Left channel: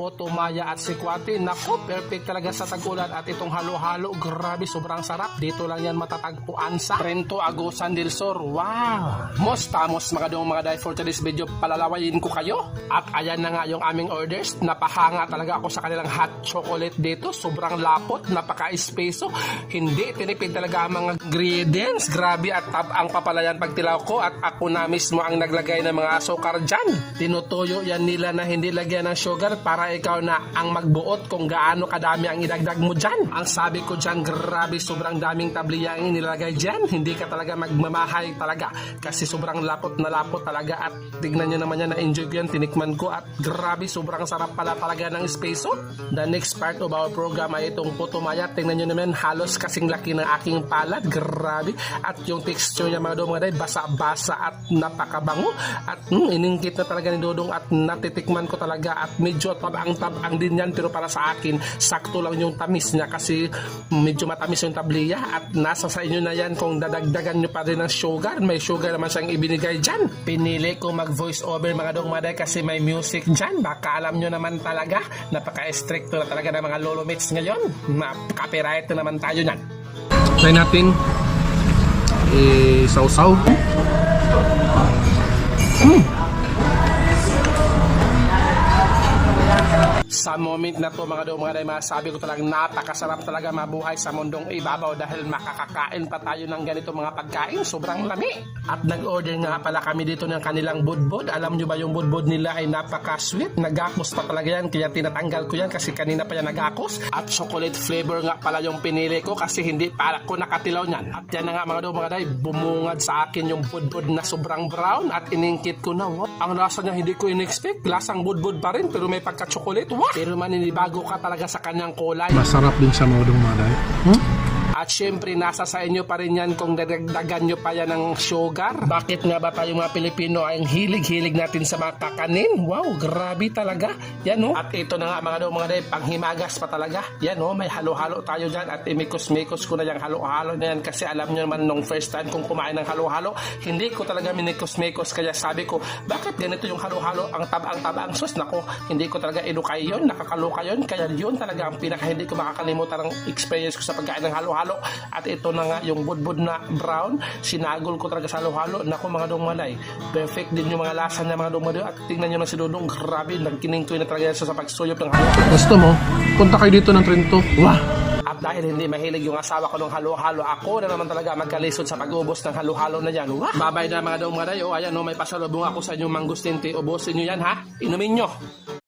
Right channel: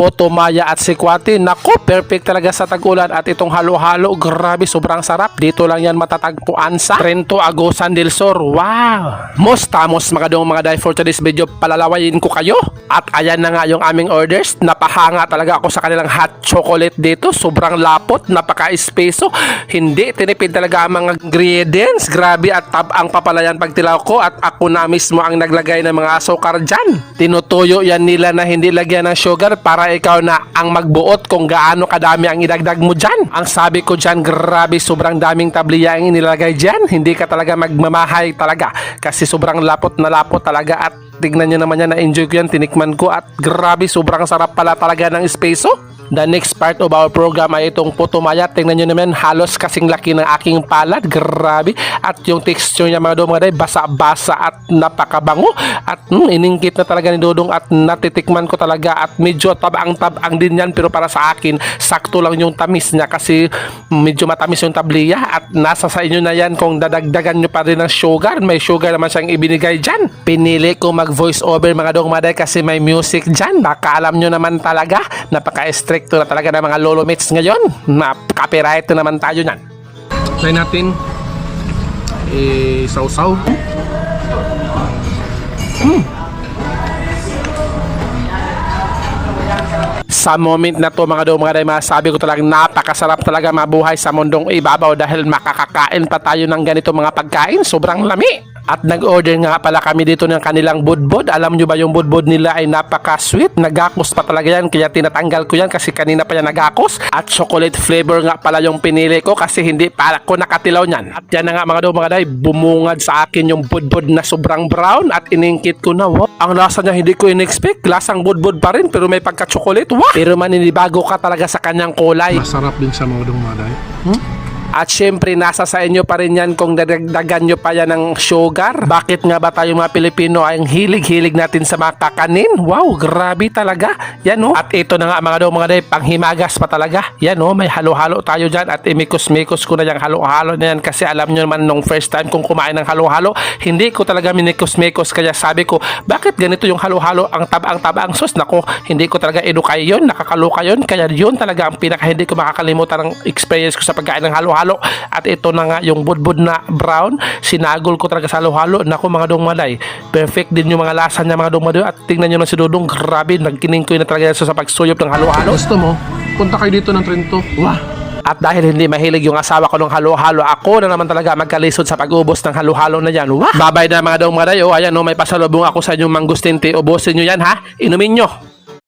Putumaya at Sikwati. Nako, perfect talaga sa tag-ulan. At itong halo-halo, grabe, sobrang sarap. Dito lang yan matatagpuan sa Trento, Agusan del Sur. Wow! Mostamos mga dong mga day, for today's video, palalawayin ko kayo. At ayan na nga yung aming orders. Napahanga talaga ako sa kanilang hot chocolate dito. Sobrang lapot, napaka-espeso. Hindi, tinipid talaga ang mga ingredients. Grabe at ang papalayan pagtilaw ko. At ako na mismo ang naglagay ng mga asukar dyan. Tinutuyo yan nila na hindi lagyan ng sugar para ikaw na ang magbuot kung gaano kadami ang idagdag mo dyan. Ang sabi ko dyan, grabe, sobrang daming tabliya ang inilagay dyan. Hindi ka talaga magmamahay talaga kasi sobrang lapot na lapot talaga. At tignan nyo naman yan, na-enjoy ko yan, tinikman ko at grabe, sobrang sarap pala talaga ng espeso. The next part of our program ay itong putumaya. Tingnan nyo naman, halos kasing laki ng aking palad. Grabe. At yung texture niya mga dong mga day, basa-basa at napakabango. At iningkit na talaga ni Dodong at natitikman ko talaga. At medyo tabang-tabang din yan, pero para sa akin, sakto lang yung tamis niya kasi medyo matamis yung tabliya. At nasa sa inyo na yan kung dadagdagan nyo pa rin ng sugar. May sugar naman siyang ibinigay dyan. Pinili ko mag voice over mga dong mga day kasi may music dyan. Baka alam nyo naman talaga, napaka-stricto na talaga ng mga lolo mates ngayon. Copyright na naman tayo nyan. Try natin sausaw. Sa moment na to mga dong mga day, masabi ko talagang napakasarap talaga mabuhay sa mundong ibabaw dahil makakakain pa tayo ng ganito mga pagkain. Sobrang lami. At nag-order nga pala kami dito ng kanilang budbud. Alam nyo ba yung budbud nila ay napaka-sweet. Nagakos pa talaga yan kaya tinatanggal ko yan kasi kanina pa yan nagakos. At chocolate flavor nga pala yung pinili ko kasi hindi para ko nakatilaw nyan. At yan na nga mga dong mga day, bumungad sa akin yung budbud na sobrang brown at iningkit ko na. Wow, ang lasa niya hindi ko in-expect. Lasang budbud pa rin pero may pagka-chocolate. Wow! Pero maninibago ka talaga sa kanyang kulay. Masarap din sa mga dong mga day. At syempre nasa sa inyo pa rin yan kung dadagdagan nyo pa yan ng sugar. Bakit nga ba tayo mga Pilipino ay hilig-hilig natin sa mga kakanin? Wow, grabe talaga. Yan o. At ito na nga mga dong mga day, panghimagas pa talaga. Yan o, may halo-halo tayo dyan. At imikos-mikos ko na yung halo-halo na yan kasi alam nyo naman nung first time kong kumain ng halo-halo, hindi ko talaga minikos-mikos. Kaya sabi ko, bakit ganito yung halo-halo? Ang tabang-tabang sus. Nako, hindi ko talaga inukay yun. Nakakaloka yun. Kaya yun talaga ang pinaka hindi ko makakalimutan ng experience ko sa pagkain ng halo-halo. At ito na nga yung budbud na brown, sinagol ko talaga sa halo-halo. Naku mga dong maday, perfect din yung mga lasa niya mga dong maday. At tingnan nyo na si Dodong, grabe, nagkining ko na talaga sa pagsuyop ng halo-halo. Gusto mo? Punta kayo dito ng Trento. Wah! At dahil hindi mahilig yung asawa ko ng halo-halo, ako na naman talaga magkalisod sa pag-ubos ng halo-halo na yan. Wah! Babay na mga dong maday. O ayan o, may pasalubong ako sa inyong mangustin tea. Ubusin nyo yan ha, inumin nyo.